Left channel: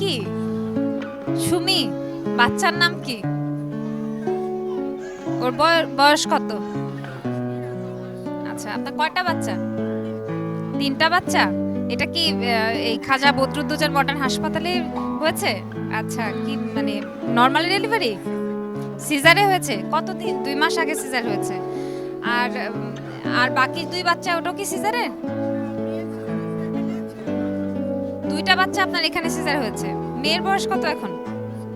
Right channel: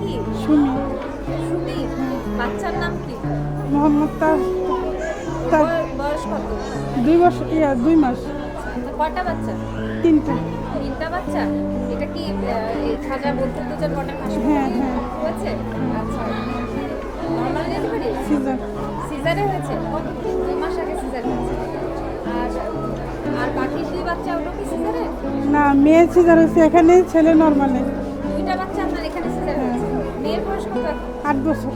কি? সুমি। বাচ্চার নাম কি? ওর বয়স কত? দুই বছর দুই মাস। আচ্ছা আপনার কয়টা বাচ্চা? তিনটা। তিনটা বাচ্চা? এটা কি এই খাজা বদরুদ্দোজান মডার্ন হাসপাতালে হয়েছে? আচ্ছা কি মানে নর্মালি ডেলিভারি সিজারে হয়েছে? কত দিন দুই মাস আগে সিজার হয়েছে। আর আর বাকি দুই বাচ্চা ওটা কি সিজারে না মেয়ে সিজার হয়েছে এখানে ছেলে নর্মালে দুইটা বাচ্চা আপনার এখানে সিজার হয়েছে। মেয়ের বয়স কত এখন? আট বছর।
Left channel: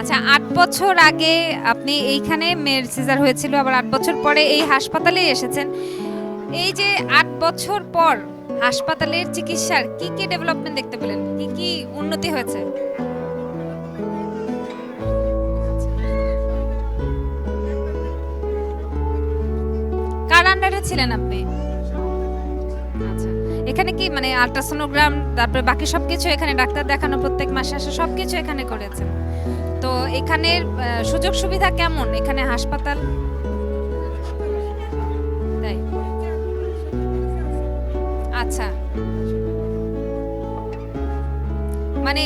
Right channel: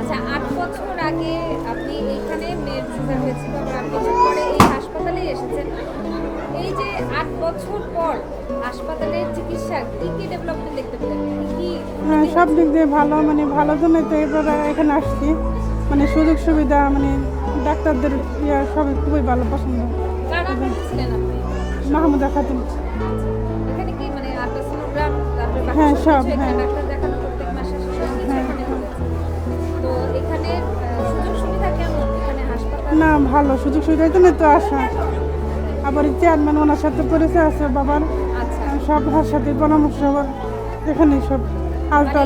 আচ্ছা আট বছর আগে আপনি এইখানে মেয়ের সিজার হয়েছিল আবার আট বছর পরে এই হাসপাতালে এসেছেন। এই যে আট বছর পর হাসপাতালের চিকিৎসার কি কি ডেভেলপমেন্ট দেখতে পেলেন? কি কি উন্নতি হ্যাঁ, সব দিক দিয়ে ভালো মানে ভালো জন্য তো এবার এখানে আসছি। মানে সুযোগ সুবিধা মানে ডাক্তারদের ইয়া সবই খুবই ভালো পছন্দ। কার আন্ডারে ছিলেন আপনি? মাহমুদা খাতুন এখানে কি মানে আলট্রাসোনোগ্রাম তারপরে বাকি হ্যাঁ, সব। কিছু এখানে ডাক্তার দেখানো প্রত্যেক মাসে আসে সব কিছু এখানে করেছে। তো এখানের আহ, সুযোগ সুবিধা কেমন? এখানে হাসপাতাল? না ভালো। সুযোগ সুবিধা জন্য তো আসা? আবার চেয়ারম্যান ওনার সাথে পরিচয় আছে বাবার। আচ্ছা। সব ভার সাথে পরামর্শ এখানে সব মানে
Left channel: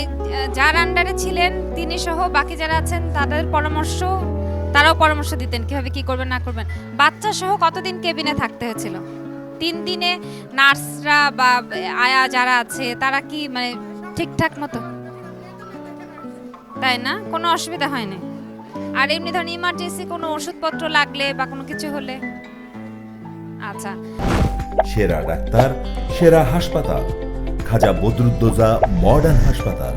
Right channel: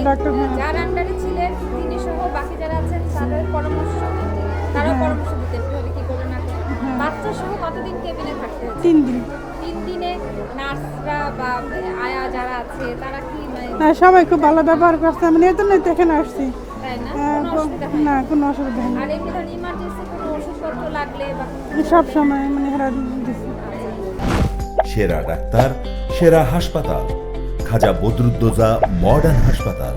যার আন্ডারে ছিলেন তিনি সহ বাকি যারা আছেন তাদের পরামর্শ তারাও পরামর্শ দিতেন কীভাবে কি করবেন না করবেন। বাচ্চা সহ কতদিন কেবিনে থাকতে হয়েছে তিন দিন। তিন দিনে নার্সরা বা আয়া যারা আছে তারা কি মানে হ্যাঁ সবাই খুব ভালো ব্যবহার করছে। আমি এই জন্যই তো এখানে আসছি। তাই না? কোনো হ্যাঁ, অসুবিধা হয় না? না কোনো অসুবিধা নেই আর এমনি ধরুন ইমার্জেন্সি কোনো ওষুধপত্র লাগলে বা কোনো কিছু সব সময় মানে এরা আচ্ছা। সেরা ডাক্তার সেরা হাসপাতাল। খাজা বদরুদ্দোজা মডার্ন হাসপাতাল।